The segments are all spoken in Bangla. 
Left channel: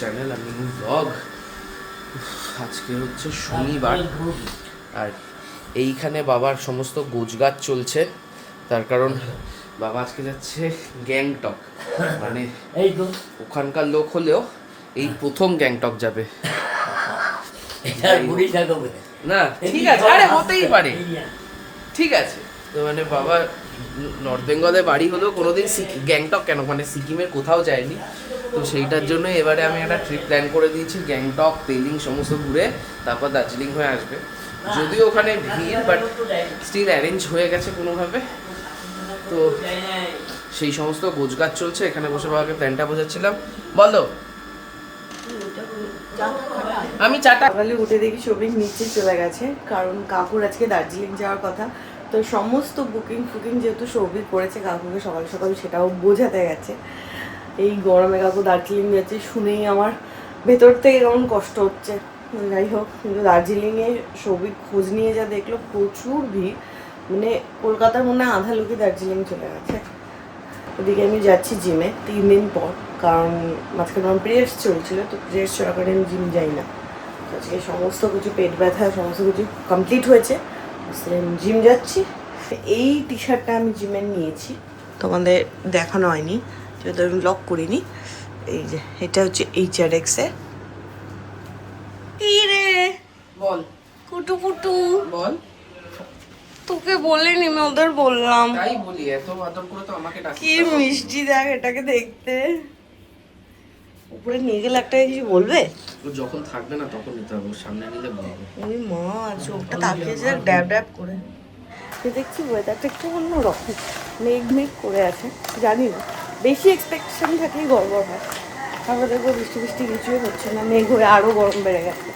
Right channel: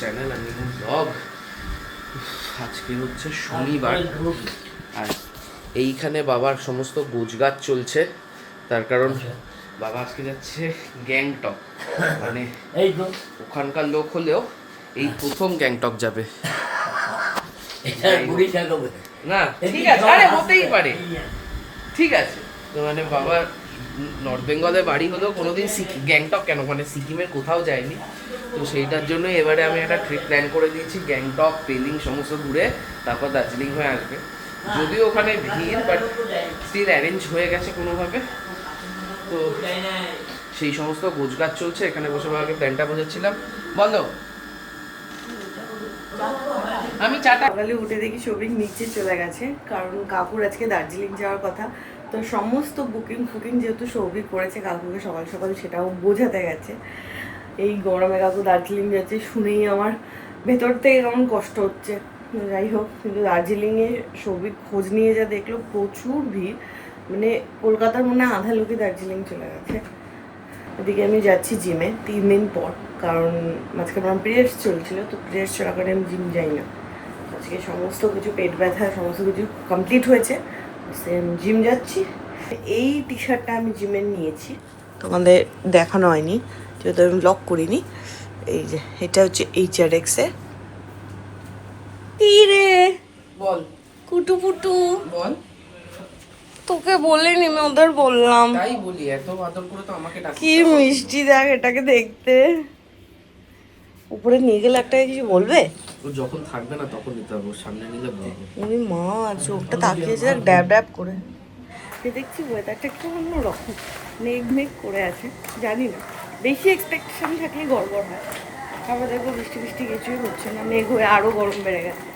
চ্যানেল আর নিউ ব্লগ। আজকে হচ্ছে শনিবার আর এইখানে বাবার সমস্ত গোছগাছ চলছে, তার কারণ বাবা আজকে যাচ্ছে গ্যাংটক, মানে ওখানকার লোক হলেও এই প্রথম গ্যাংটক যাবে না। ঠিক আছে, আরে হতেই পারে, ঠিক আছে। তো মানে বাবা নর্থ বেঙ্গলে বাড়ি হলেও কোনোদিন গ্যাংটক কেন, মানে সিকিমের কোথাও যায়নি। তো সেইটার জন্য এবারে আমি একটা ট্রিপ প্ল্যান করে দিয়েছি, গ্যাংটক পেলিং সমস্ত ঘুরে তারপর দার্জিলিং হয়ে আসবে। যদিও ওখানে ভিড়, বাট স্টিল অ্যারেঞ্জ হয়ে গেছে কোনোভাবে। তো সেই সমস্ত গোছগাছ চলছে, এখানে বসে বাবাকে প্ল্যানটা বোঝাচ্ছিলাম। বলো। আমি চাটা সকালে উঠে দেখি সবিক নিচে চলে গেছে, কারণ কাকুর আজকে দার্জিলিং যাওয়ার কথা। তো সমস্ত বুকিং ফুকিং যেহেতু সৌভিক করেছে কাকুকে সকাল সকাল, সেটাও বোঝাতে গেছে। এই গরমে কাকু দার্জিলিং যাচ্ছে শুনেই আমার ভেতর থেকে কেমন কষ্ট হচ্ছে। যাই হোক, কিন্তু দার্জিলিংয়ে সৌভিক খোঁজ নিয়ে যা দেখলো প্রচুর ভিড়, মানে কলকাতার মনে হয় আধা লোকই দার্জিলিং চলে গেছে। ওদিকে আমি যাচ্ছি জিমে 3 দিন পর, কারণ মাঝখানে আমার পিরিয়ডস চলছিল, তো পিরিয়ডস চলাকালীন আমি জিম যাই না। আজকে সমস্ত কিছু পেট ব্যথা সমস্ত কিছু কমপ্লিট হয়েছে, জিম যাচ্ছি। এই টি শার্টটা আমি জিমে নিয়েছি, তোমাদের দেখানো হয়নি যেহেতু আমি ব্লগ করিনি। এই যে এটা হচ্ছে HRX এ। কি রে বল। কুটু পুটু বল। তোকে বলিনি, আমি ওদের বললাম। তাই বলি, এত আদর করে তো আমাকে ডাক। কি মিষ্টি দেখ এটাকে দেখতে। উপরে নিয়ে গেলে একটা কিছু বলবে? ও যখন থাকবে না তখন নিতে হবে, ওর সামনে নিলে বলবে। ওই মা চোখটা তাকিয়েছে দেখ, ড্যাব ড্যাব করে। সে দেখছি ওয়েদারটা একটু অন্যরকম, মেঘ মেঘ করে আছে। জানি না, বেশি এক্সপেকটেশন থাকলেই গড়বড় হয়। তারপর দেখবো বৃষ্টি বৃষ্টি কিছুই হচ্ছে না, মেঘ হয়ে আরও গরম বেড়ে গেছে।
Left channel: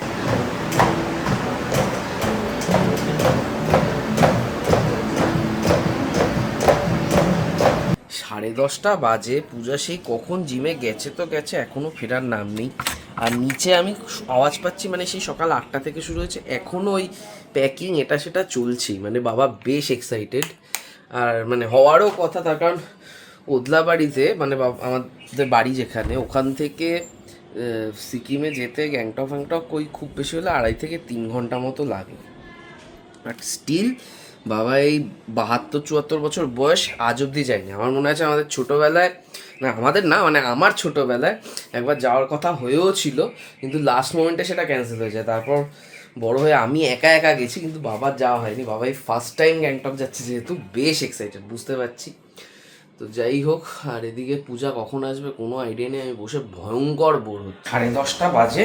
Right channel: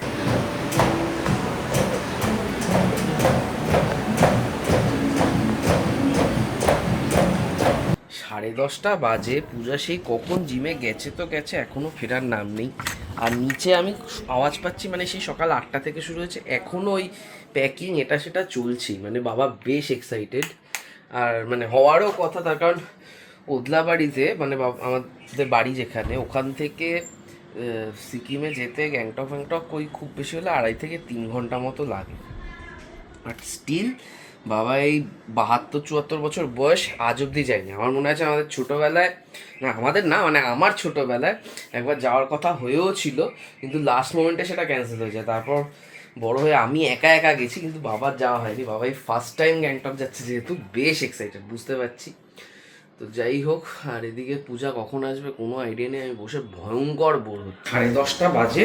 10:30 বাজে, পূজা সেই কখন জিমে গেছে তো গেছে, এখনো ফেরার নাম নেই। আর নিচে আমি আওয়াজ পাচ্ছি, মানে সেই সকাল 8টা থেকে শুরু হয়েছে, এখনও ওই প্যাকিং এটা সেটা চলছেই। মানে বাবা বেশ এক্সাইটেড, আর মানে হওয়ারও কথা, তার কারণ ওদলাবাড়িতে মানে আমাদের বাড়ি যেখানে, ওখান থেকে সিকিমে যেতে গ্যাংটক ফ্যাংটক ওই খুব বেশি হলে 2.5 থেকে 3 ঘন্টা মতো লাগে। বাট স্টিল বাবা এই 72-74 বছর বয়স আজ অবধি যায়নি। আমার মনে আছে আমাদের ছোটোবেলায়, না আমাদের না মানে আমার ছোটোবেলায় একবার যাওয়ার কথা হয়েও ছিল, কিন্তু লাস্ট মোমেন্টে সেটা ক্যান্সেল হয়ে যায়। তারপর বড় হয়ে আমি একা একা গেছি, কিন্তু বাবার যাওয়া হয়নি। বাবাই ফার্স্ট টাইম গ্যাংটক যাচ্ছে, যেহেতু বেশ এক্সাইটেড বুঝতে পারছি। তো যাই হোক, আর এদিকে পূজা কখন আসবে কোনো আইডিয়া নেই, আমি বসে ভয়ঙ্কর বোর হচ্ছি। 10:30 বাজে,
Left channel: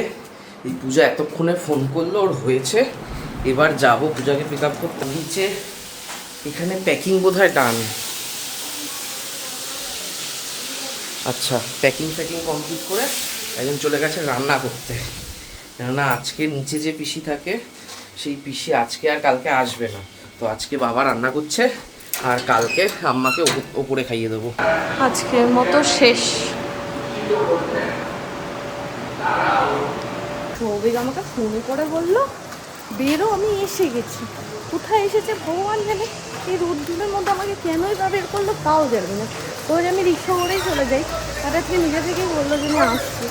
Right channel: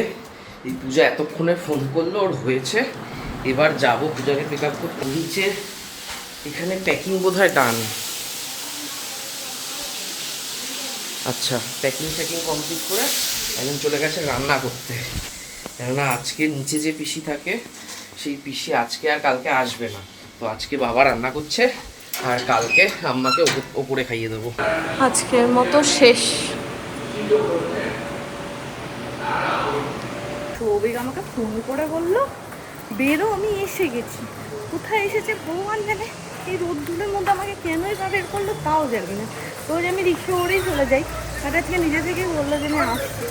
এই পূজা এতক্ষণে ফোন করলো, ওর হয়েছে। এবার যাব পূজাকে পিক আপ করতে। নিচে এখানে প্যাকিং বোধহয় ডান। আচ্ছা, প্যাকিং কমপ্লিট করে একজন চলে গেছে রান্না করতে, কেননা আজকে নিচে যে পিসি থাকে সেই পিসি আজকে আর কালকে আসবে না। তো আজকে বাবা রান্না করছে, আর কালকে আম্মাকে ওপরে খাইয়ে দেবো। আজকের মতো শেষ। সৌভিক আমাকে ফোন করে বললো বেরো, আমি এসে গেছি। কোথায় এসেছে ভগবান জানে, এই রোদ্দুরের মধ্যে আমাকে কেনই বা বের করলো তাও জানি না। তো আমি রিক্সা করেই চলে যাই, তার আজকে নিজে থেকেই বললো যে আমি আসছি।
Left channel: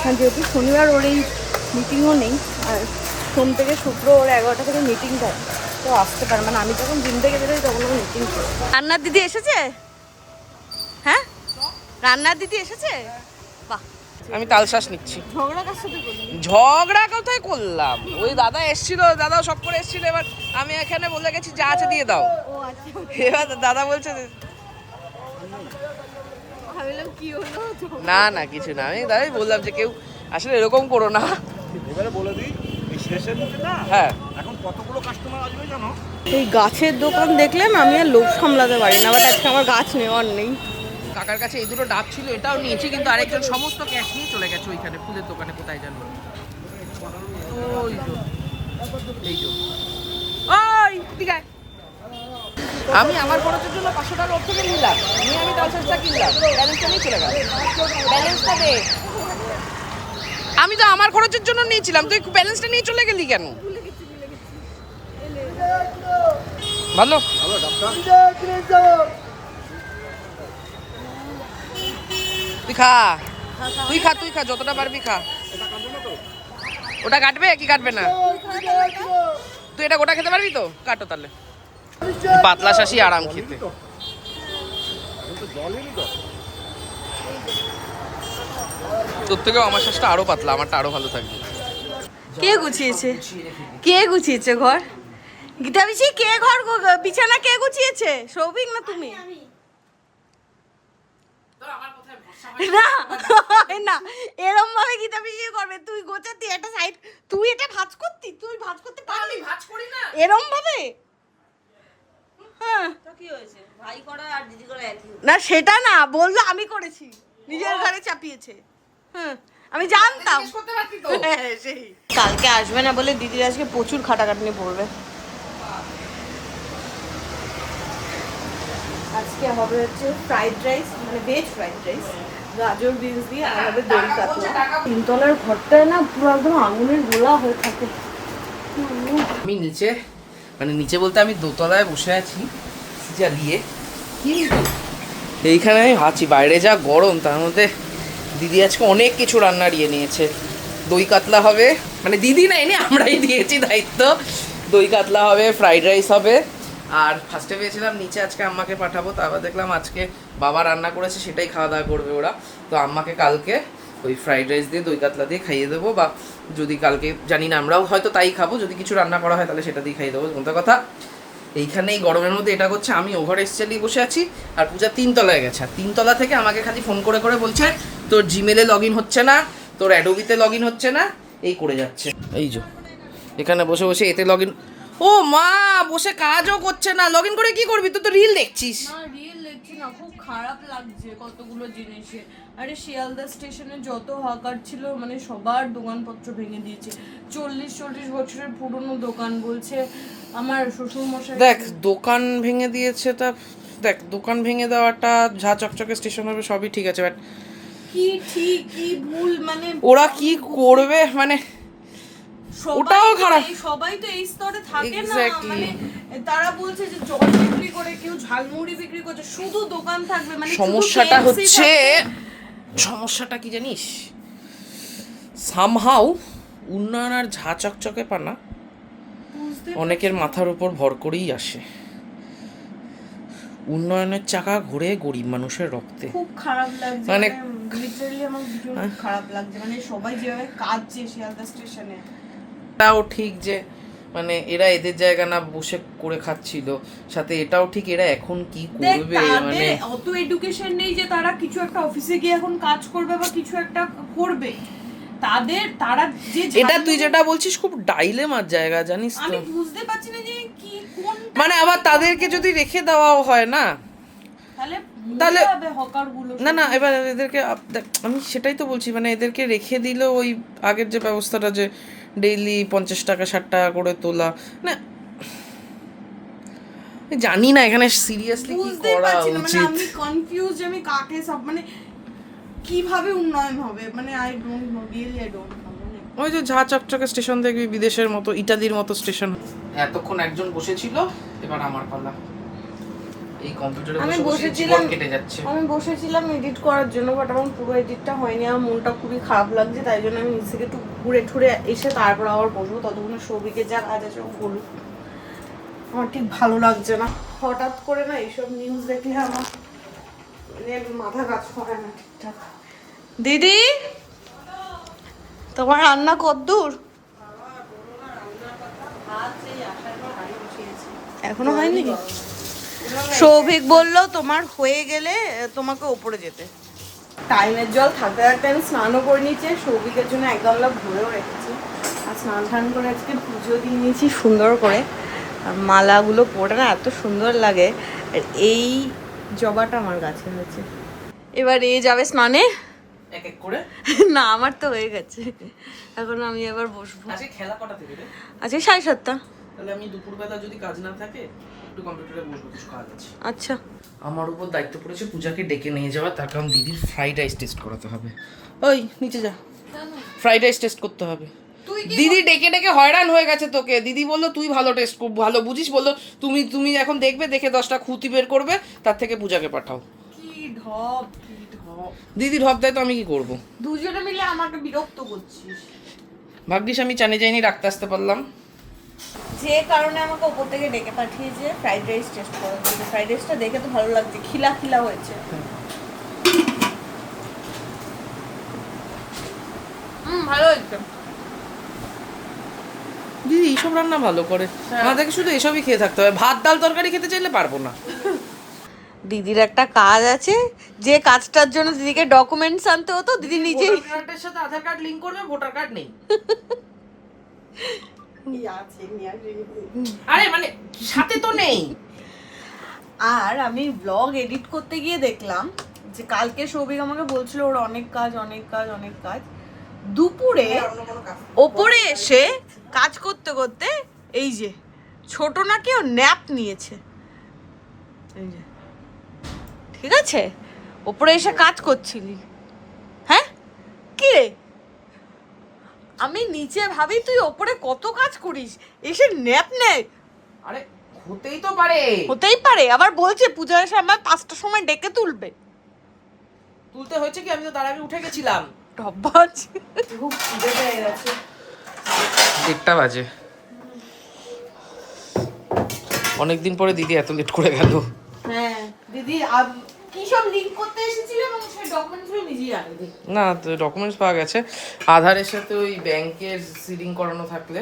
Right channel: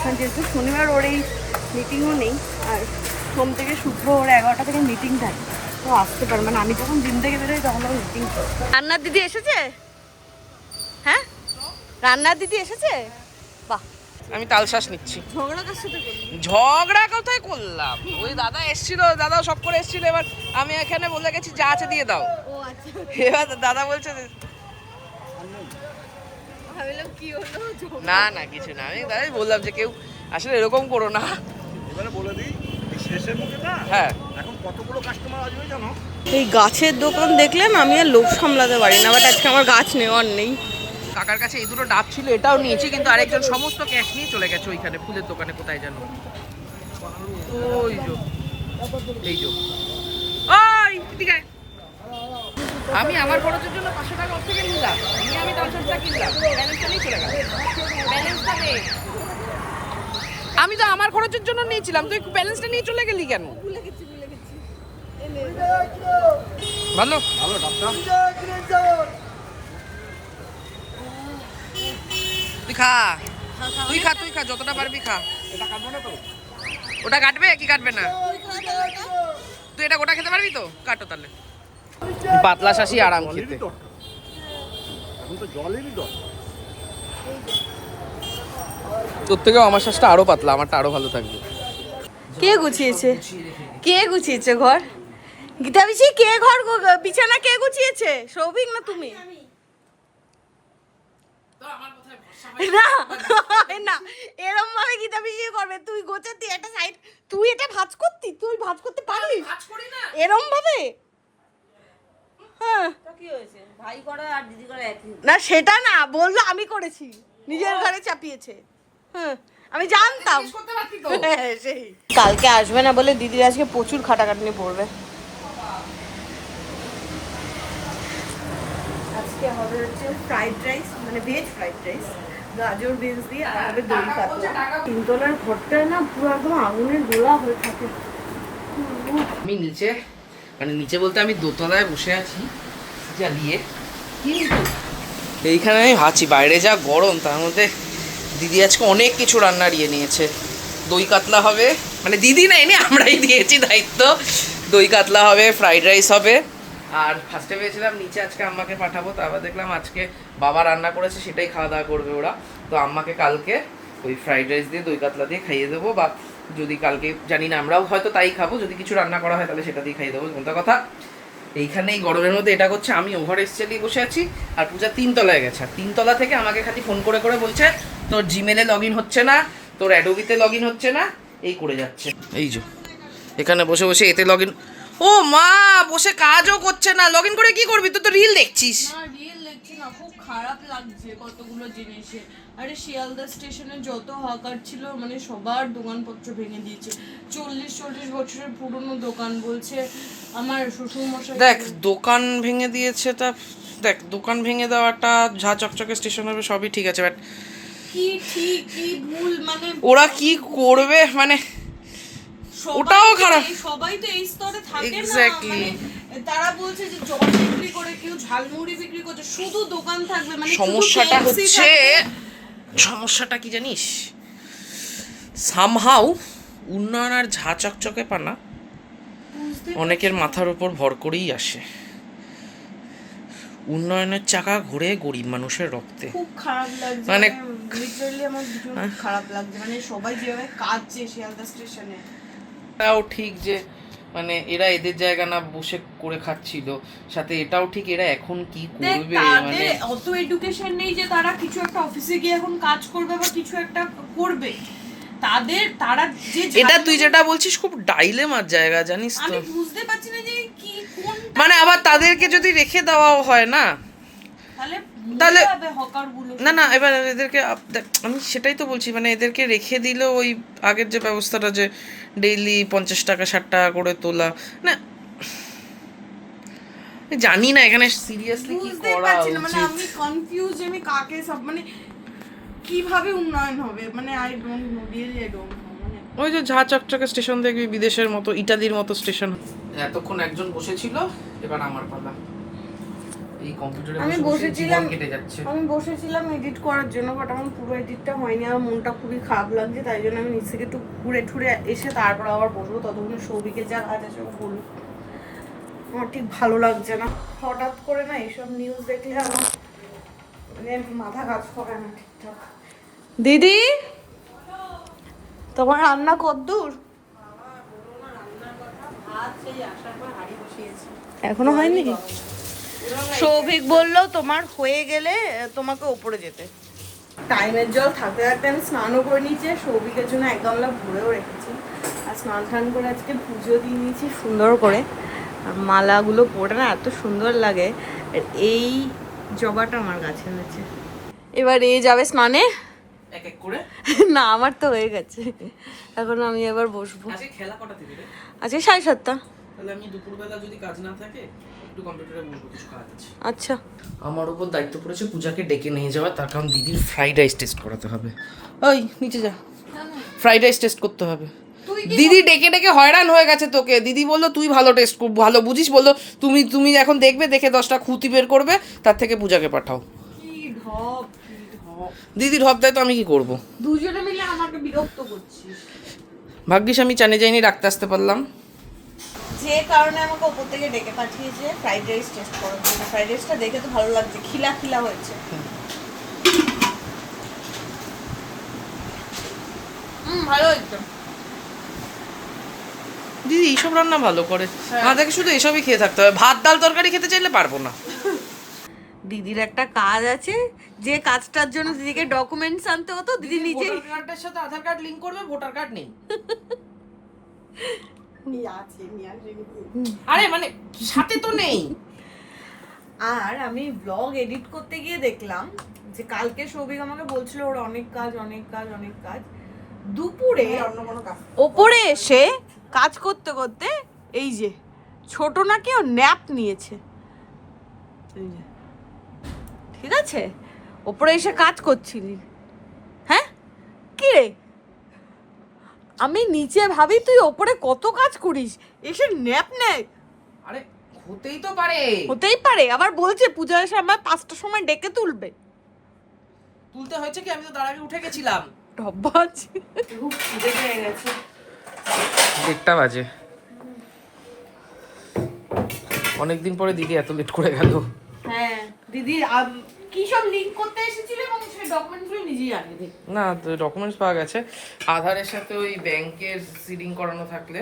কারণ যেহেতু শনিবার ওর এই মিটিংও নেই, আর সোম থেকে শুক্র ওর 11টা থেকে মিটিং থাকে, তো আসতে পারে। মানে আমি যখন জিম থেকে বেরোই তখন ওর মিটিং করে। রান্নার দিদি এসেছে? হ্যাঁ, রান্নার দিদি এসেছে। বাহ, আমি তালশ্বাস নিচ্ছি। ঝগড়া কোথায় করলাম, ওই দাদা এসেছিল, দাদা সব করে এসেছিল। এবার আমি এখানে বলে গেছি যা আছে দিয়ে দাও। এবার দাদা বলছে না না কিছু না, আমি দাদাই বললাম যে কেউ আসলে এরকম করো না। হ্যাঁ, এখন কতগুলো কাস্টমার আসবে জানো। এই গাছের দোকান দেখলেন, আমি আর লোভ সামলাতে পারি না, বাট আজকে আমার গাছ নেওয়ার নেই। কাকার কাছে এই দুটো ডাব ছিল, এটাও নিয়েছি, কিন্তু আরেকজন সমস্ত ক্যাশ নিয়ে চলে গেছে ওইখানে ফুলের দোকানে, কোথায় জানো। ওই যো, এই যো, ওই ঠিক আছে। আমি আমার খরচের জন্য 500 টাকা ওর থেকে নিলাম, নিয়ে আমি তালসাসটা কিনলাম, ব্যালেন্সটা নিয়ে চলে গেল। ব্যালেন্সটা দে। আমি তো আমার খরচের জন্য নিয়েছিলাম, তুই ব্যালেন্সটা নিয়ে চলে গেলি কেন? ভালো তুই খা। তুই খা যতটা পারবি খা। ওটা কাটবে কি কাটবে না? তুই এটা গোটা খেতে পারবি তো? কাটো তাহলে। পাতলা শাসি আরাম খেতে। তোর থেকেও আমার শ্বাসটা আরো পাতলা, আমারটা আরো ভালো থাকবে। কে গুছিয়েছে ঘর? গীতা পিসি কে ঘর বিছানা কে গুছিয়েছে? সৌভিক না তুমি? না না, এরম ভাবে গীতা পিসি করবে। তুই গোছাতি একটা সাইড, তুই এটা ভাঁজ করতি, তুই ভাঁজ করতে পারবি এরম ভাবে? হ্যাঁ না সেটা না, বললো আমি করেছি, নিজের ঘরে চাপিয়েছে। হ্যাঁ আমি জানতাম। হ্যাঁ, সেই কালকে আসবে না বলে দিদির আজকে প্রচুর খাটাখাটনি পড়বে। আজকে হবে হচ্ছে ফ্রাইড রাইস, মানে ভেজ ফ্রাইড রাইস, গাজর বিনস দিয়ে, আর হবে দই কাতলা। তিনতলার ঘরটায় না পুরো একদম আঙুলের গোলা হয়ে থাকে। আমি নিচে, মানে নিচে বলতে আমি দোতলায় বসে আছি জ্বালিয়ে। এইখানে আমি ভাবছি বাইরে যা গরম, তার মধ্যে দিদি আজকে অনেক কিছু রান্নার ইয়ে নিয়েছে। দই কাতলা হবে, মানে দিদি না এনে আমরাই দিয়েছি দায়িত্ব। দই কাতলা হবে, ফ্রাইড রাইস হবে। আর ফার্স্টে ভেবেছিলাম নিচে আজকে আম্মাকে পাঠাবো, তারপর দেখলাম আজকে বাবা রান্না করেছে সেটাই খাওয়া দাওয়া করবে ওরা। তো আম্মাকে কালকে ওই ফ্রাইড রাইস দিয়ে দই কাতলা দিয়ে খাইয়ে দেবো, বা যদি কালকে জানি না আমরাও হয়তো তাই খাবো, যদি কিছু রান্না করা হয় তাহলে সেটা দিয়ে খাইয়ে দেবো। কোনটা কথা, এইখানে এই গরমের মধ্যে এটা করছে, আমি ওভার এক্সচেলি বসে আছি, আর পূজা তিনতলায় গেছে। আর তিনতলা থেকে আমাকে খালি ফোন করে করে বলছে তোর জিমেলে লগ ইন হচ্ছে না, তোর অ্যাডোবিতে লগ ইন হচ্ছে না, এই করে যাচ্ছে। এই যে এখানে বসে বসে এতে লগ ইন, ও মা বসে কাজও করছে না, লগ ইন করে কি করবি? তুই তো রিল দেখছিস। রিয়েল দেখছি না, খুব খারাপ লাগছে কতগুলো জিনিসে। আরে শিয়ালদা স্টেশনে যত হকার ছিল, মানে সবার দোকানপত্র ভেঙে দিয়েছে। 40 বছরের পুরনো দোকান, বলছে আমার শ্বশুর মশাই। দেখ দোকান ভেঙে দিয়েছে, তা দেখ দোকান ভেঙে দেওয়াটা ঝা চকচকে স্টেশন হবে সবই ঠিক আছে, বাট কি ঠিক কি ভুল, মানে ওরা কি করবে, মানে ওটাও খারাপ। সবাই তো এই স্তরে থাকে না। Exactly. মানে তারা বলছে যে জল বিক্রি করে, কেউ ঝালমুড়ি বিক্রি করছে, শুধু দোকান থাকবে, মানে সমস্যাটা হচ্ছে, সমস্যাটা কি জানিস, সামহাউ উন্নয়ন আর ঝা চকচকে পানা অনেকের মাথার উপর ভর করেই আসে। উন্নয়নের চাকা ঘুরে গরিব মানুষের রক্তে। খুব খারাপ লাগছে, মানে লিটারালি আমার ভীষণ খারাপ লাগছে, মানে সবাই যেভাবে কাঁদছে শিয়ালদা স্টেশনে। এটাও ঠিক যে মানে এরা এদের জায়গা না বসে করে খাচ্ছিল, সাথে এটাও ঠিক এরা এখন কি করবে, মানে অত এডুকেশন নেই যে তারা কিছু একটা অফিসে গিয়ে এখন কাজ করবে বা কিছু একটা করবে। তারা যে এটা তুই যেটা বলছিস খুব ডাইলেমার জায়গা, জানিস তো। আমি বুঝতে পারছি না যে কি কোন, মানে আবার তাদেরকে যদি রেখে দেওয়াও হয় না, তাহলে হকারগুলো না না, এবার এদেরকে আমি সেটাই তো বলছি, মানে এদেরকে রেখে দিলেও ওই আগের যে ব্যবস্থাটা, যে ডেইলি 50 টাকা 60 টাকা করে তোলা, না জানি না এখানে সিরিয়াসলি কি করা উচিত। আমি কনফিউজ, আমি কাকে সব, মানে কিভাবে উন্নয়ন হবে, মানে I don't know, really I don't know. মানে ওই যে ঝা চকচকে স্টেশন দেখবি বিদেশের মতো, ইটালির মতো স্টেশন। এতক্ষণ একজন বসেছিল, এবার আমার পালা। এই কম্পিউটারে আমি বসেছিলাম এডিট করার জন্য, বাট আমার পুরো এডিটটা হয়নি। আমার মনটা খুবই খারাপ লাগছে, তাই জন্য আমি নিচ থেকে একটু ঘুরে ঠুরে এসে তারপর আবার বসবো। ততক্ষণে সৌভিকের যা কাজ আছে ও বলুক, আমার ঠিক ভালো লাগছে না। হঠাৎ করে না এইসব নিউজ দেখলে আমার মানে মাথা কাজ করে না ঠিকঠাক। দিদি তোমার রান্না কতদূর? এখনো হয়নি? সৌভিক বললো তোমার হয়ে গেলে তোমাকে ওপরে যেতে। টাইমের জল থাকতে থাকতে আমি স্নানও করে নিয়েছি, সৌভিকের জন্য এক গামলা ভরেও রেখেছি। আর স্নান টান করে আজকে পুজো দিয়ে নিয়েছি সুন্দর করে। আর মালাগুলো পরে না এত সুন্দর লাগে। আর এই জবাটা আমার গাছে হয়েছে। এবার এ যাবে স্নানে এক এক করে। না আমার তো হয়ে গেছে, এখন আমি এবার বসবো। আজকে খেলা কটা থেকে রে? আজকে 7:30। তাহলে আমি দুপুরবেলা যদি কাজ না থাকে একটু কম্পিউটারে বসবো, কিছু কাজ আছে। আচ্ছা আমার উপর দায়িত্ব পড়েছে পূজাকে ডেকে নিয়ে যাওয়া, তার কারণ দিদির ফ্রাইড রাইস টেস্ট করাতে হবে। ওই নিচে যা, ফ্রাইড রাইস টেস্ট করতে হবে। দিদি ডেকে ডেকে হয়রান হয়ে গেছে তোকে। দিদি বললো তুই ভালো টেস্ট ভালো বুঝিস, বললো তুমি এখন দেখবে, দেখে 10টা খুঁতি বের করবে, তার থেকে পূজাকে পাঠাও। কি ঢপ দিদির হপ্তায় তো আমি কি করব? দুজনে মিলে আমাকে বিরক্ত করছিস। ভাগ্যিস আমি চানে যাইনি, রাখতে আসতে পারলাম। যে কারণে আমাকে ওপর থেকে ডেকে পাঠিয়েছে ফ্রাইড রাইস টেস্ট করার জন্য। ফ্রাইড রাইসটা দেখে তো ভালো লাগছে, খিলা খিলা হয়েছে। ভালো হয়েছে। দিদি এইসব রান্না ভালো করে, আমাদেরকে শুধু এসবই খেয়ে থাকতে হবে। ভাত ডাল তরকারি খেতে চাইলে পারবো না। দিদির একটা কাজ আছে, যে কাজটার জন্য দিদিকে ডকুমেন্টস আনতে হতো, দিদি নিজেই ভোটার কার্ডের সাথে আধার কার্ড লিংক করবে, ভোটার কার্ড নেই। আরে মানে সাথে তো নেই। আর আমি ব্লগ এডিট করতে গিয়ে দেখলাম যে কালকে সৌভিক আমাকে বলছিল ওর অনেক কাজ অনেক কাজ অনেক কাজ, দুপুরে ওপরে এসে কাজ করতে করতে এই যে ছোট নাকি ও ন্যাপ নিয়েছে। এই যে ঠিক আছে, ওপরে এসে কাজ করছিলি, হ্যাঁ কি রে? আমি নিচে ভাবি তুই ওপরে কত কাজ করিস, এসে ন্যাপ নেয়। আরে হতেই তো পারে, হতেই পারে। আবার বলছে পূজার সময় 5টার সময় ডেকে তুলবে। তুলতে হয়েছে কি, আমি তো তার আগে উঠে গেছিলাম। ডব্বাজ খুব খিদে পেয়ে গেছে। 1টা বাজে। অনেকদিন পরে দিদি এত লেট করে গেল। হ্যাঁ দিদি কি সব লিংক করতে এসেছিল এবং সেই ডকুমেন্টগুলো নিজেই আগে দেখ। না, তো ডকুমেন্টস পাওয়া গেছে। আধারের সাথে ওই ব্যাংকের সিডিং করানো থাকলে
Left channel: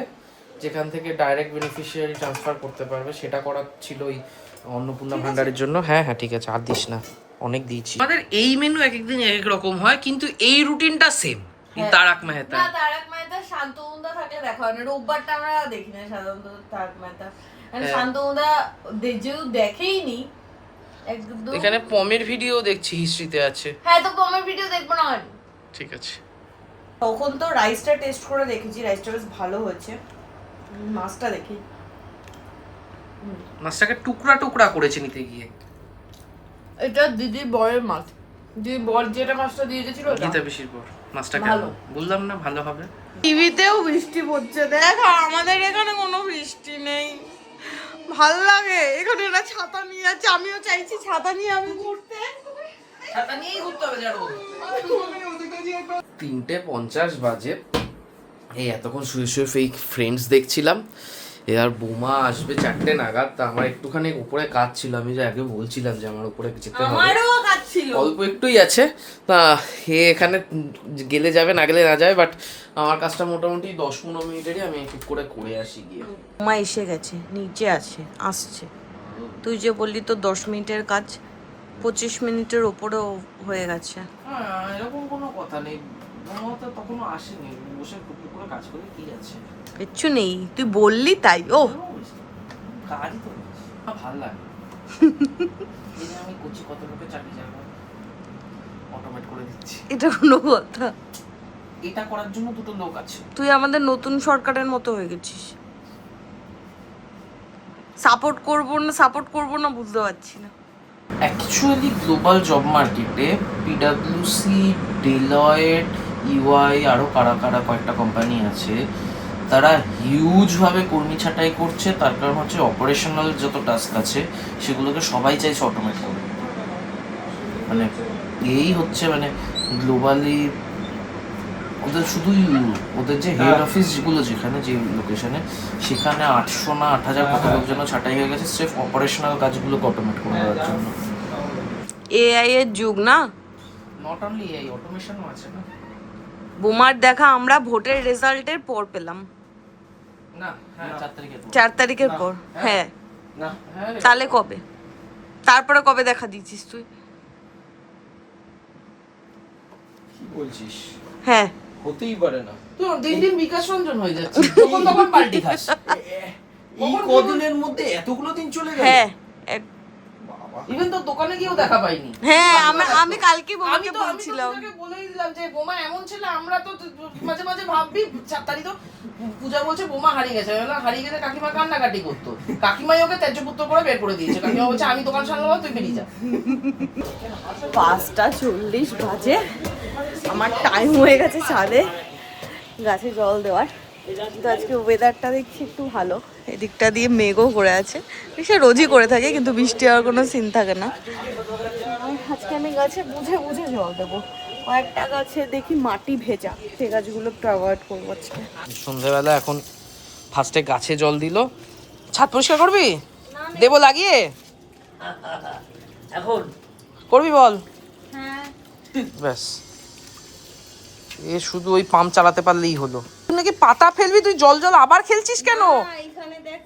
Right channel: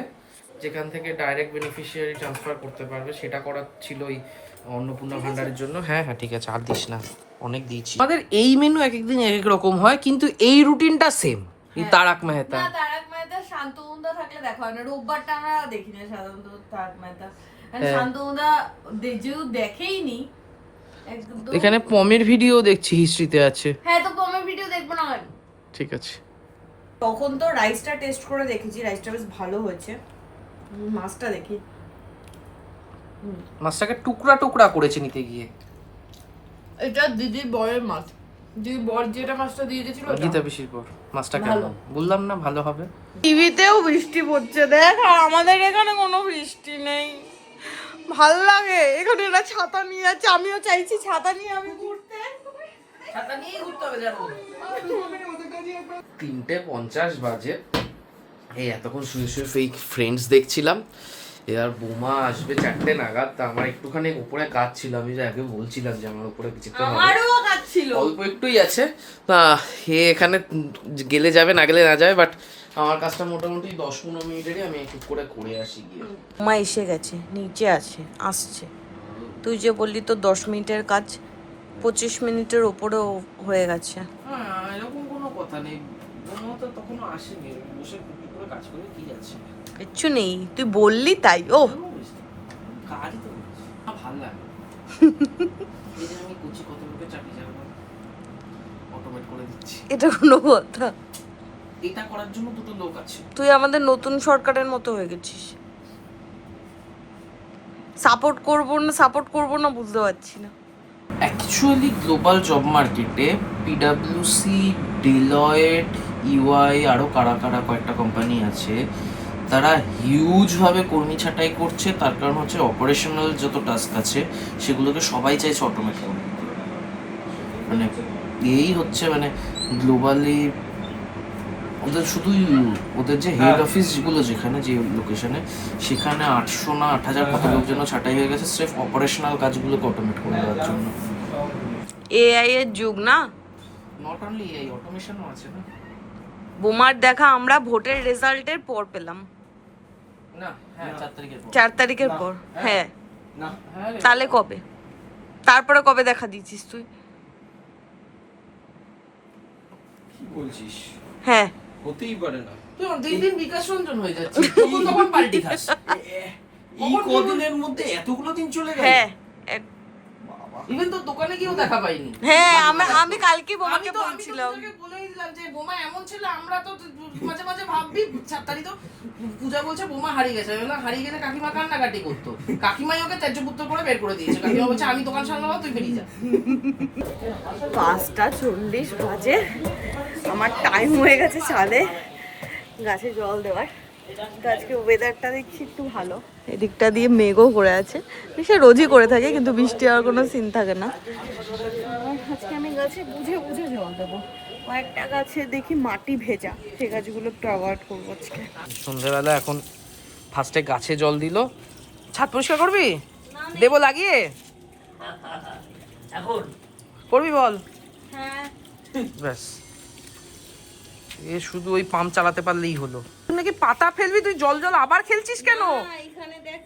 যেখান থেকে ডাইরেক্ট বেনিফিশিয়ারি ট্রান্সফার করতে পারবে, সেটা করা ছিল ওই অন্নপূর্ণা ভান্ডারের জন্য। হ্যাঁ হ্যাঁ ঠিক আছে, আর দিস না, অনেক দিয়েছি। আমাদের এই মেনু এক একদিন এক এক রকম হয়, কিন্তু এই রুটিনটা সেম। তারক মেহতা, না তারক মেহতা শান্তনুদা থাকলে দেখা হয় না, রোববারটা আমরা দেখি না সাধারণত তারক মেহতা। শান্তনুদা যেহেতু দেখেইনি, এখানে পমের ভিডিও দেখছি, হিস্ট্রিতে আছে। হ্যাঁ তো পমের ভিডিও দেখবো না, ঠিক আছে। তখন তো রাইসটা টেস্ট করে দেখেছি, রাইসটা বেশ ভালো হয়েছে। মাছটা দেখি, মাছটাকে টুকরা টুকরা করেছে নিতে গিয়ে। এটা দিদির বরের মাছ, দিদি বর যেটা মাছটা দিয়ে দিয়েছিল গীতা পিসির পর মাছটা কেন বললাম না ভালো হবে। টিভিতেও বৃষ্টি পড়ছে দেখ, আমাদের এখানে কোনো বৃষ্টি নেই। ভাল লাগে এখানে, এরা ছাতা নিয়ে যাচ্ছে, আমিও চাইছি ছাতা নিয়ে আমি ঘুরতে। ছাতা নিয়েই ঘুরতে হবে জানো। 3:50 বাজে। এই এতক্ষণ শুয়ে শুয়ে ফেক ফ্রেন্ডস দেখছিলাম। এবার বোমা আসবে 4টে নাগাদ। তা আমার একটুখানি উপরে কাজ ছিল, আমি যে আগে বলছিলাম যে আমার উপরে যেতে হবে, আমারও কাজ ছিল, অল্প একটুই আছে। তা হে এখানে গেলে যাবে, না গেলে না যাবে, বাট আমার কাজটা মোটামুটি 10-15 মিনিটেরই, আমি একটু করে আসি গিয়ে। মা এসে গেছে, নিচে আছে, আসছে। তুই যে বললি তো 10 মিনিটের কাজ 25 মিনিটের ওপরেও হয়ে গেছে। হ্যাঁ এরকম কোনো কথা নেই, বোমা তো তখনও আসেনি, বসে করে কাজ করে কি যাচ্ছে, কিচ্ছু নেই, তুই বললি তাই। ও কাজই তো ভালো লাগে। আমি করছি কত লোকের চাকরি যাবো, অটোমেট করে দিচ্ছি। এটা কোনো কথা? এটা করার জন্য 2টো লোক আছে। তুই আমাদের নতুন সরকারের মতো হয়ে গেছিস। সাপোর্ট করব না বুঝতে পারছি না। অ্যাকচুয়ালি গ্লোবাল জব মার্কেটে পিডাব্লিউসি, ডেলয়েট, ইউআই আরও কারা কয়েকটা কোম্পানি আছে, তারা হিউজভাবে কর্মী ছাঁটাই করছে। তার কারণ হচ্ছে অপারেশনাল যত টাস্ক আছে সেগুলোকে সবাই চাইছে অটোমেট করে। মানে এই হচ্ছে মানে গ্লোবালি ওদের শুধুই ওদের যে হেড অফিস যেগুলো যেখানে যে লোকেশনে, সেখানে 800 না 8000 কত লোকজন ছাঁটাই হয়ে গেছে স্রেফ অপারেশনাল কাজগুলোকে অটোমেট করে দেওয়ার জন্য। এআই এর যুগ না, নট অনলি এই অটোমেশনও আছে না। বোমার দেখা আমরা ভোটের রেজাল্টের পর পেলাম। না হ্যাঁ 4 তারিখের পর। 4 তারিখের পর, হ্যাঁ। না তাহলে কবে? তারপরে কবে দেখা দিচ্ছিস তুই? কি বলছিস? হ্যাঁ হতেই পারে না। তুই দিন বিকাশ রঞ্জন হয়ে যাচ্ছে, তখন পাল্টি খাস। এই কদিনের মধ্যে এতগুলো দিন চলে গেল। হ্যাঁ ইভেন তো দোকানে গিয়েও দেখা পাইনি। হ্যাঁ আমি কালকে বোমাকে বলছিলাম, আমি তো বলেই দিলাম যে বোমা এমন ছিল, আমরা তো মাঝে মাঝে ভাববি 4 তারিখ তো পূজা বলছে বোমা হারিয়ে গেছে, না হারিয়ে গেলে কাকিমা কান্নাকাটি করতো, কাকিমাই ওকে ত্যায্যপুত্র করে বের করে দিয়েছে। কাকিমা বলছে আমি দোকান সামলাবো, তুই বেরিয়ে যা। 5:40 বাজে, আমার টাইম হয়ে গেছে ছাদে গাছে জল দেওয়ার। কিন্তু আজকে ওয়েদারটা দেখছি একটু ভালো, এদিকটা দিয়ে মেঘও করে আছে, সে রোজই করে থাকে, কিন্তু বৃষ্টি হওয়ার কোনো সিন থাকে না। আজকে আমি গাছে বুঝে বুঝে জল দেবো। কয়েকটা গাছে দেখি মাটি ভেজা, সেই গাছগুলো একটু অ্যাভয়েড করবো আজকে। সন্ধ্যেবেলা এখন ফার্স্টে গাছে জল দিল। ছাদ পরিষ্কার করবি? দেবো লাগিয়ে? এখন করবি বল? হ্যাঁ ব্যাস, এ শুধু ওই পাম্প চালাতে পারলেই হলো। তুই নাকি পাতা ফেলবি, তুই জল জল আবার খেলছিস কেন? এখানে দেখ,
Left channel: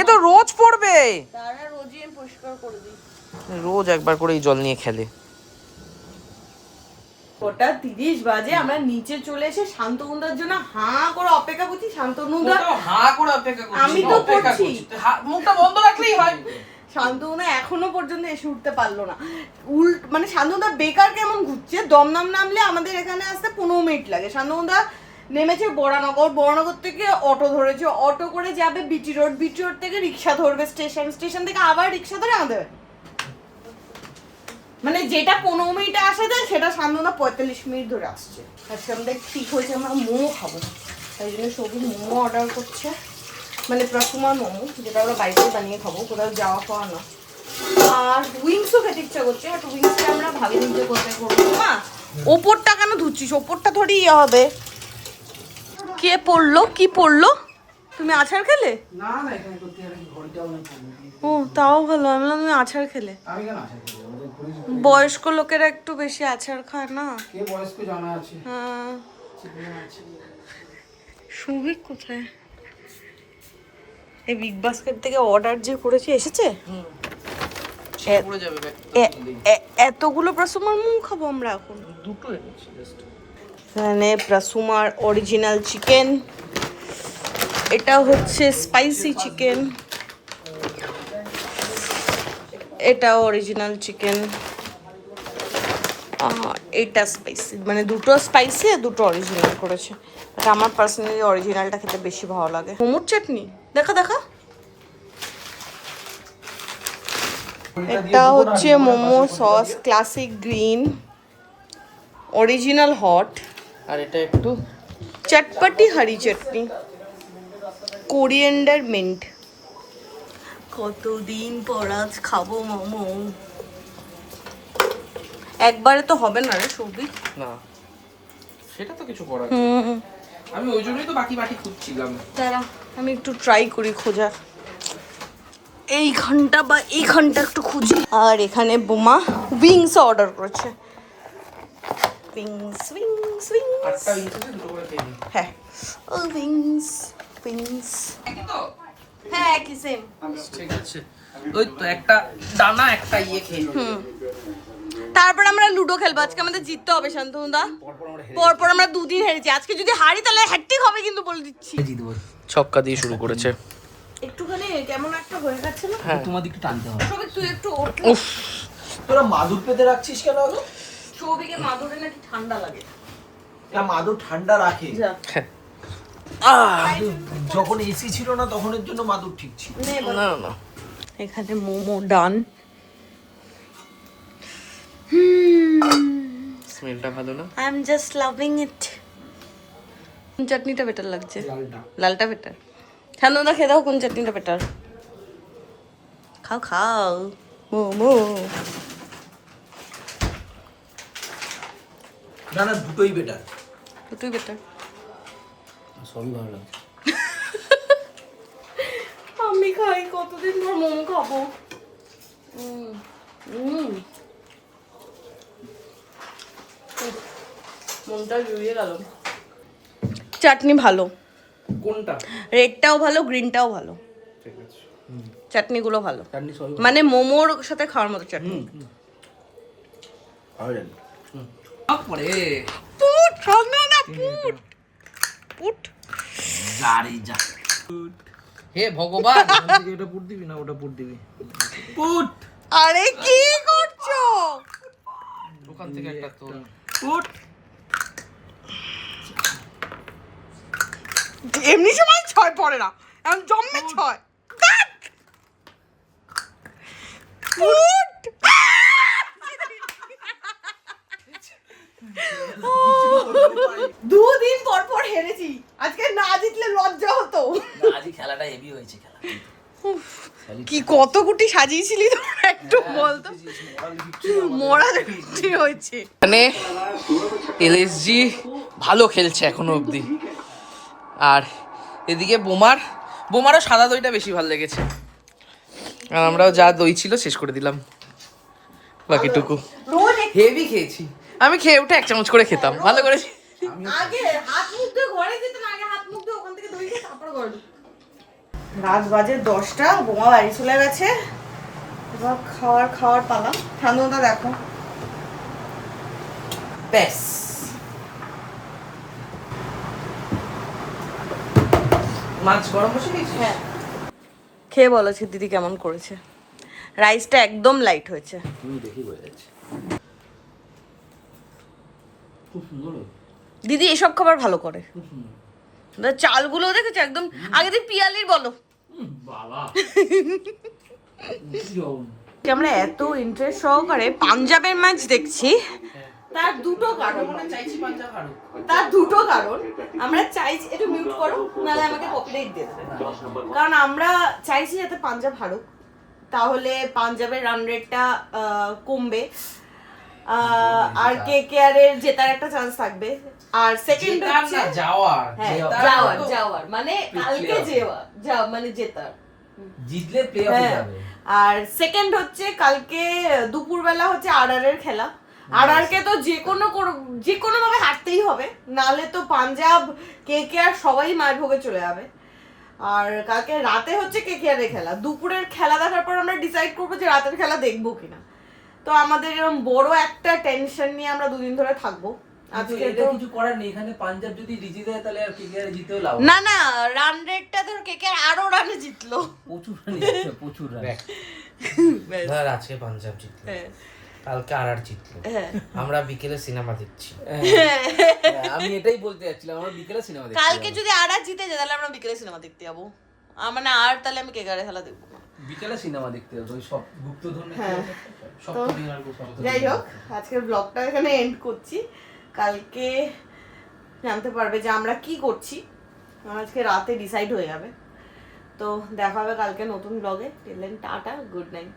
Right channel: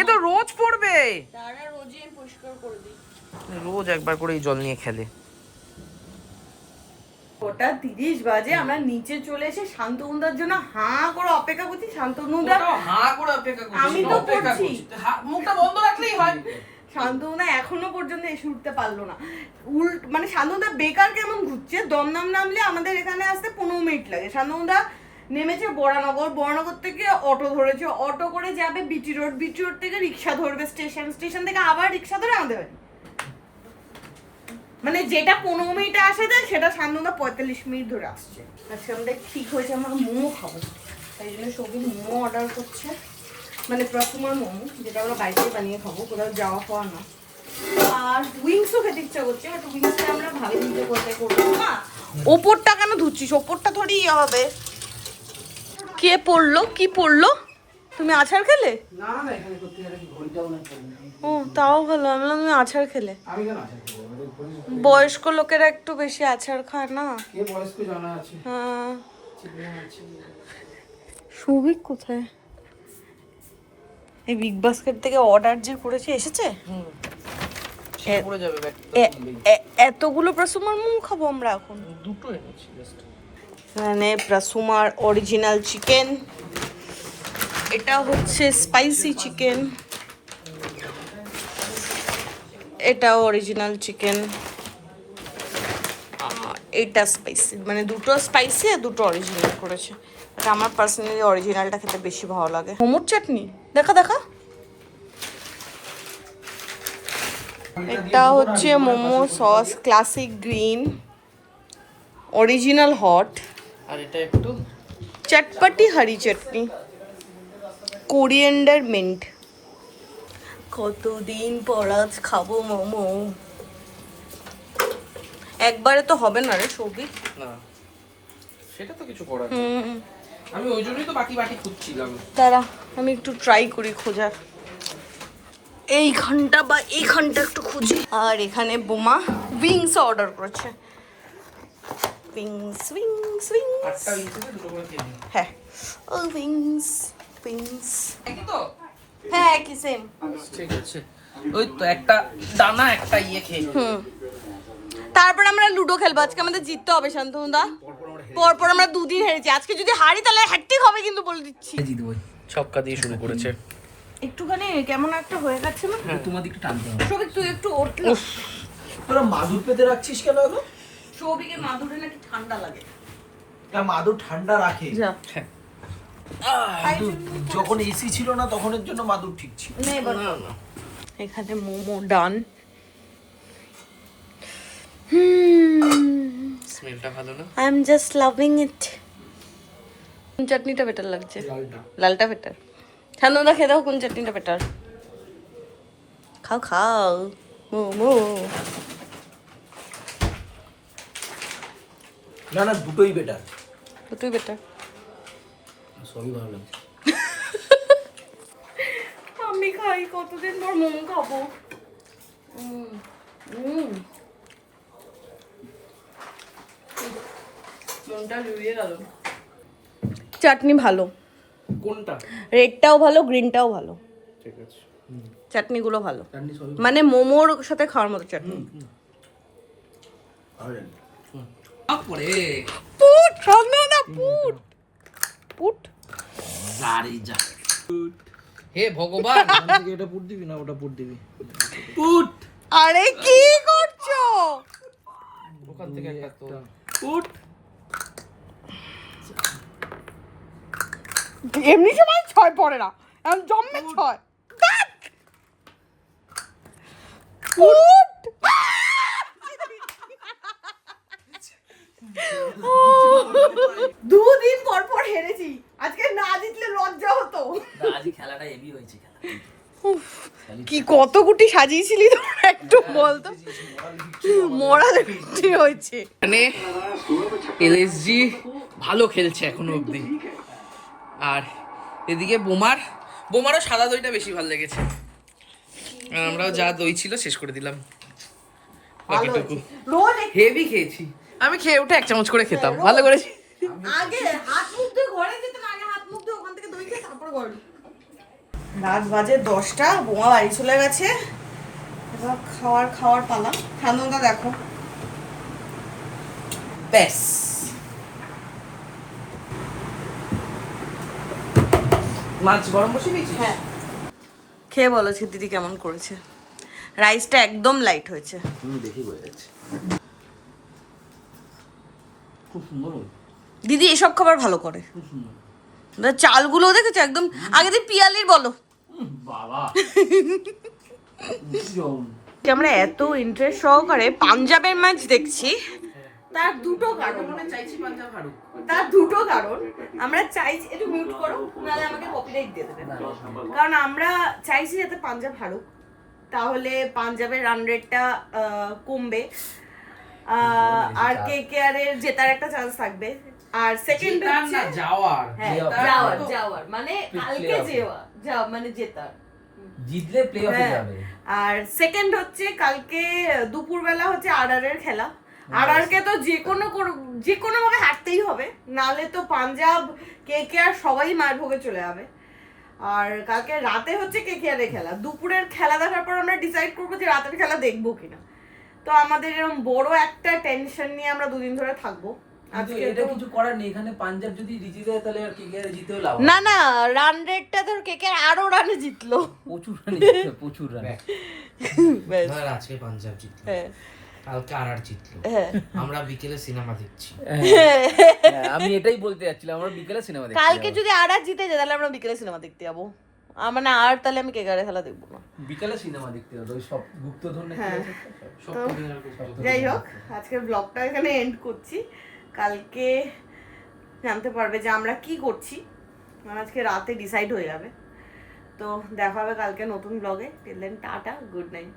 এ তো রোজ পড়বে। তারা রোজই আমি পরিষ্কার করে দিই। রোজ একবার করে এই জল নিয়ে খেলে। ওটা 30 বাজে, আমরা নিচে চলে এসে শান্তনুদার জন্য হাঁ করে অপেক্ষা করছি। শান্তনুদা, হাঁ করে অপেক্ষা করছিস? আমি তো করছি। মুখটা বন্ধ রাখলেই হয়। শান্তনুদা এখনো পর্যন্ত এসে উঠতে পারলো না। মানে শান্তনুদা বেকার কেমন ঘুরছে। দমদম নামলে আমাদের এখানে আসতে 15 মিনিট লাগে। শান্তনুদা নেমেছে বড়নগর থেকে অটো ধরেছে, অটো করে যাবে বিটি রোড থেকে রিক্সা ধরবে স্টেশন থেকে আবার রিক্সা ধরে আমাদের বাড়ি। মানে যেটা 15 মিনিটে আসা যায় সেটা শান্তনুদা 45 মিনিট ধরে আসছে। আজকে আমাদের ঠিক হয়েছে আমরা মোমো খাবো, তাই জন্য সবই মোমো অর্ডার করছে। মানে প্রথমার মোমো, যেটা আমরা বাড়িতে বানিয়ে খাবো, কোথাও যাওয়া পাওয়া না। আর উইংসও খেতে ইচ্ছা করছে, বাট উইংসটা আমরা ভাবিনি যে কোথায় করবো। মা ওপরটা কেন ধুচ্ছিস? ওপরটা থোড়ি ইয়ে হবে। কে পড়লো? কি পড়লো? তুমি আছাড় খেলে? না না, এখানে করতে গেলে কি ঘড়িটাও না। ও তাও ভালো, আমি বললাম তুমি আছাড় খেলে। আমি কেন আসি? আমাদের ঘড়ি বয়স্ক লোকেরা একটু বেশি আছাড় খায় না? কে বয়স্ক জানা আছে? হ্যাঁ। সৌভিক কোথায়? এই বিগ বাস্কেট থেকে অর্ডার যে করেছি এসেছে? পড়ে যাবে এতগুলো প্রসুমার মোমো খাবো আমরা এখন? দুটো এনেছি জাস্ট। মানে প্রসুমার অরিজিনাল চিকেন, এটা হচ্ছে স্পাইসি চিকেন, এটা অরিজিনাল চিকেন, এটা স্পাইসি। মানে দুটো স্পাইসি আর দুটো অরিজিনাল করেছে। বাট আমার পার্সোনালি অরিজিনালটা খেতে বেশি ভালো লাগে। মোমোর চাটনি দেখা দেখা। এটা হচ্ছে momo sauce, classic green, original hot. আর এটা একটু চটপটি হারি চাটনি, কোরিয়েন্ডার মিন্ট। কতদিন পর আজ খাবো মোমো। একবারে তো হবে না রে সৌভিক। না, সেটা তো কিছু করার। আমি ওই জন্যই তো বাকি বাকি খুঁজছিলাম। দাঁড়া আমি একটু ট্রাই করি খোঁজার। এইখানটা বা এইখানটা একটু খুঁজি। আর এখানে বোমা উইংস অর্ডার করেছে। Wings wings wings. আটটা ইঞ্চিতে দুটো করে খেয়ে নিই। হ্যাঁ ও উইংস উইংস। একই তো? হ্যাঁ একই সেম। ঠিক আছে, ওই তো একটা দানা একটা ইয়ে খেয়ে নিই। তারপর আমরা লুডো খেলবো। আজকে আমাদের জিততে হবে শান্তনুদা। পরপর আমরা দুদিন হেরেছি, আজকে যদি হারি তাহলে হ্যাট্রিক হবে কিন্তু বলে দিচ্ছি। ছক্কা দিয়ে শুরু করেছে। একটুখানি কেমন একটা হয়ে গেছিল। হ্যাঁ, তোমার দিকে টানতে হবে। সৌভিক তুই একটু উফ, তোরা মাদুর পেতে রাখছিস কেন আগে? সৌভিকের মাদুরে নাকি ঠান্ডা লাগে। না, মাদুর ঠান্ডা রাখে। যা মাদুর যখন এসি ছিল না তখনের জন্য মাদুর ঠিক ছিল। না না, এখানে মোমো ডান। স্মেলটা ভালো না? আই এম জাস্ট লাভিং ইট। কোন চাটনিটা বেটার লাগছে? লালটা বেটার। শান্তনুদা খেয়ে দাও কোন চাটনিটা বেটার। খাও খাও মোমো। না না, দুটোই বেটার। দুটোই বেটার। সবই ভালো লাগে। আমি খাই, কতদিন পর মোমো খাবো। মনটা জুড়িয়ে গেল। চাটনি ভালো, কোনটা? রেডটাও ভালো, গ্রিনটাও ভালো, ঠিক আছে, চাটনিগুলো ভালো। চাটনি সবই মানে মোমোর সাথে খাওয়ার মতো চাটনি। ভালো লাগে। তারপরে পুট শান্তনুদা, পুট পুট। যা রে যা। হে ভগবান, এটা পুট দিবি না ওটা পুট দিবি? পুট। আরে কি করছো? ওখান থেকে একটা তো পুট। এমনি সময় 6 পড়ে না, এখন জম্মে 6। পুট। দুদিন পর পর হেরেছি, আজকে না জিতলে লজ্জা হতো। আজই খেলাটা হেভি হয়েছে। খেলা কি কি কত গুটি সাজিয়েছিলি তো একটু বলতো। মোরাল ভিক্টরি হয়েছে। মানে এলএসজি ভালো খেলছে এখনো অবধি। আর এদিকে বোমারও সাদা দইটা বেশি ভালো লেগেছে। আর আমরাও যা দই ছিল শেষ করে দিলাম বাকিটুকু। হেভি খেয়েছি আমি, খেয়ে উঠে 1 চামচ করে খেতাম। ভালো করেছি। আগে হাত মুখ ধুয়ে ঘরে যেত না, আগে হাত মুখ ধুয়ে ওখান থেকে দই দিয়ে তারপরে ঘরে ঢুকতো। রাত বাজে 10টা, বোমা বাড়ি চলে গেছে। এবার খাওয়ার পালা। ঠান্ডা দেখো ব্যাস মাছ গরম বসে গেছে। হ্যাঁ, খেয়ে বলো দিদি কেমন করেছে। রাইসটা একদম লাইট হয়েছে। দেখি বলে যাচ্ছে খুব সুন্দর। দিদি এসব খাবার ভালো করে। চালগুলো দেখেছো একদম। আগে দিন পিয়ালির বলো। বাবা আমরা এত ইন্টারেস্ট সহকারে পাঞ্জাবের ম্যাচ দেখছি, তার দুটো কারণ। চাইছি পাঞ্জাব হারুক। তার দুটো কারণ। আমরা চাইছি, একটু মিউট করো নাহলে আমাকে কপিরাইট দিয়ে দেবে। কারণ আমরা চাইছি যাতে পাঞ্জাব হারুক, তাহলে পাঞ্জাবের রান রেটটা কমবে, আর কেকেআর এর জেতার একটা চান্স থাকবে। আর সেকেন্ড হচ্ছে যাওয়ার মানে কালকে মানে জেতার, জিতলে প্লে অফে যাবে। আর সেকেন্ড হচ্ছে কালকে দুপুরবেলা হচ্ছে আরআর এর খেলা। আরআর কে তো যে কোনো ভাবে হারতেই হবে, নালে তো পাঞ্জাব কেকেআর সবাই মার ভোগে চলে যাবে। আর কালকে রাতে হচ্ছে কেকেআর এর খেলা। দুপুরের খেলা দেখার পর আমরা ডিসাইড করবো যে রাতের খেলা দেখবো কিনা। তো আমাদের এরকম বড় একটা টেনশন নিয়ে আমরা 2 দিন ধরে থাকবো। আজকে তো কিছু করার নেই, এখানে পাঞ্জাব যদি জিতে যায় তাহলে আর কেকেআর জিতেও লাভ না, রান রেটটা তো কেকেআর আরো রানে জিতলো, প্রচুর রান। ধর আজকে পাঞ্জাব জিতলো, কালকে আরআর জিতলো, আমরা বিকেলে সিনেমা দেখছি। আমি এটাই বলতে যাচ্ছিলাম, আমরা বিকেলে সিনেমা দেখছি। কালকে যদি আরআর জিতে যায় তাহলে আমরা বিকেলে সিনেমা দেখতে যাবো। মানে আর তাহলে আমি কেকেআর খেলা দেখবো না, বিকেলে সিনেমা দেখতে হবে। ওই সব গুপ্তধন। তো যাই হোক, আজকের ব্লগটা এখানে এন্ড করছি। কালকে জানতে পারবে যে আমরা কি করছি, আজকে রাতে ডিসাইড হয়ে যাবে। তো দেখা হবে কালকে নতুন ব্লগে। Till then tata, good night.